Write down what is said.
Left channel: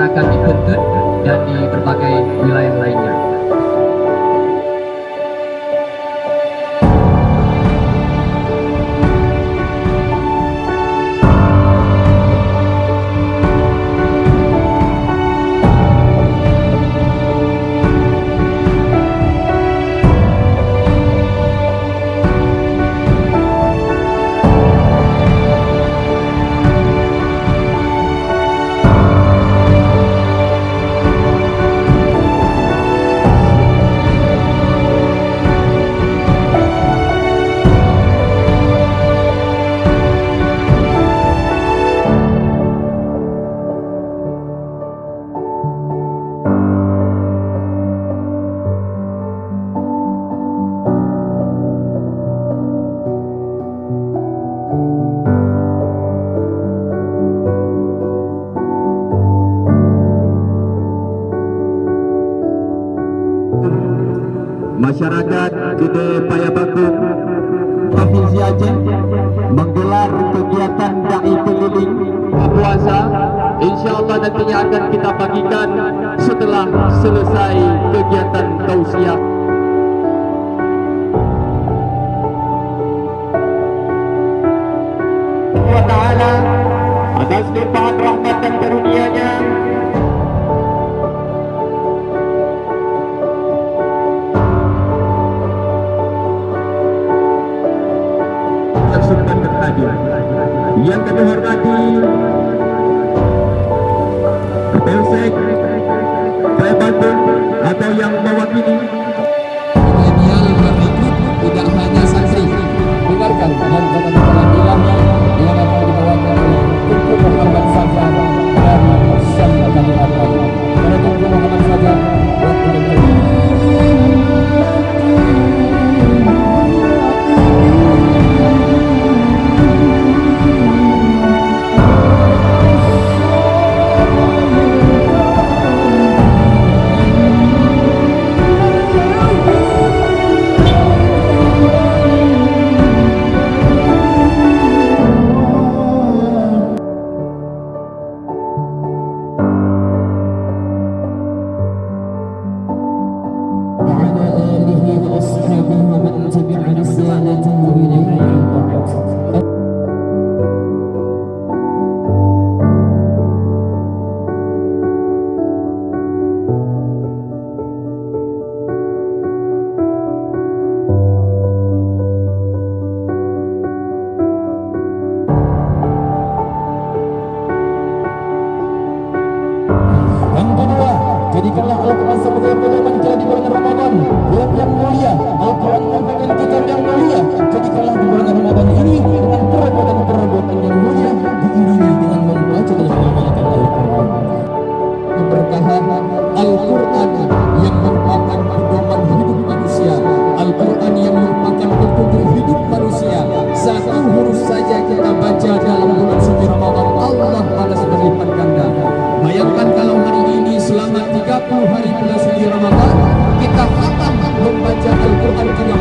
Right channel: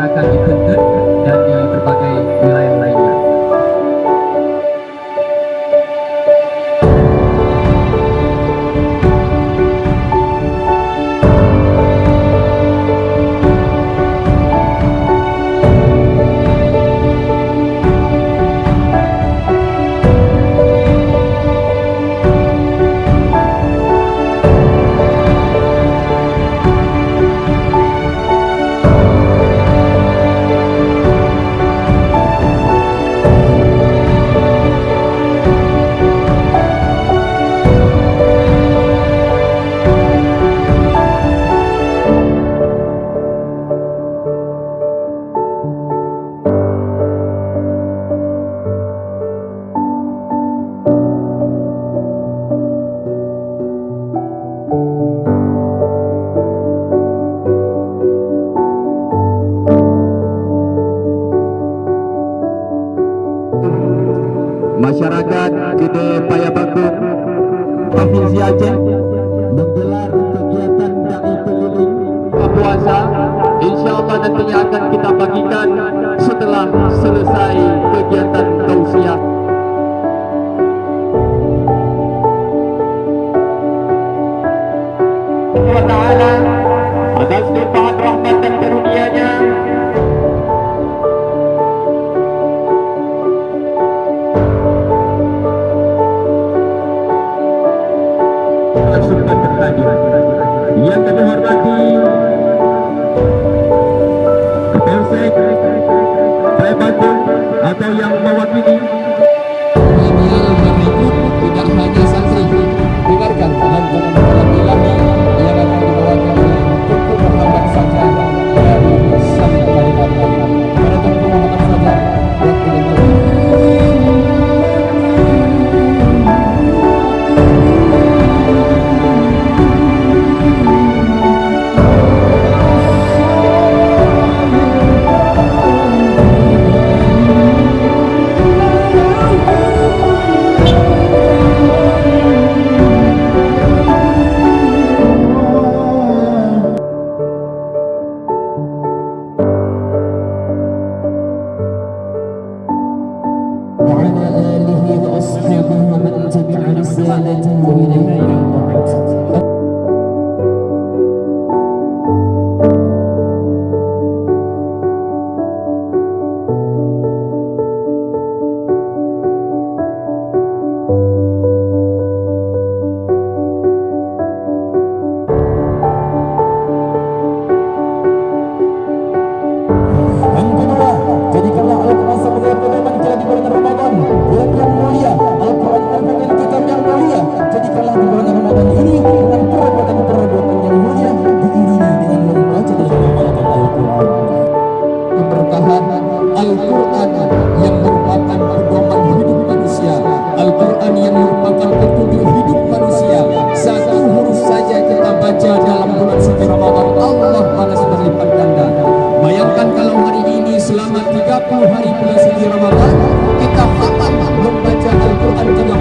dilaksanakan di Pentut dan di berbagai wilayah lainnya. Masyarakat Gede Payabagung Provinsi Aceh menggelar kegiatan dai keliling puasa. InsyaAllah nantinya akan kita bagikan setelah selesai kegiatan tausiah. Allah Ta'ala atas limpahan rahmat dan karunia-Nya Sultan berhadir. Yang kami hormati Kapolsek Payabagung atau yang mewakili Milenial berikut tidak hanya santri. Dengarkan alam ilahi yang akan dibawakan oleh Tunku Muhammad Fajar dari Syam Kalimantan. Pada Tunku Muhammad Fajar, waktu dan jadikanlah Al-Quran sebagai pedoman kita di bulan Ramadan, bulan yang mulia. Al-Quran merupakan kitab yang mulia. Jadikanlah di bulan Ramadan ini dengan perbuatan-perbuatan yang mulia, diiringi dengan membaca dan mengamalkan Al-Quran. Keberkahan Al-Quran yang merupakan pedoman hidup manusia, Al-Quran yang merupakan petunjuk hidup manusia. Satu huruf saja kita baca dalam bulan suci Ramadan, Allah balas berlipat ganda. Bayangkan kalau hari ini selama 30 hari bulan suci Ramadan kita khatam membaca Al-Quran 30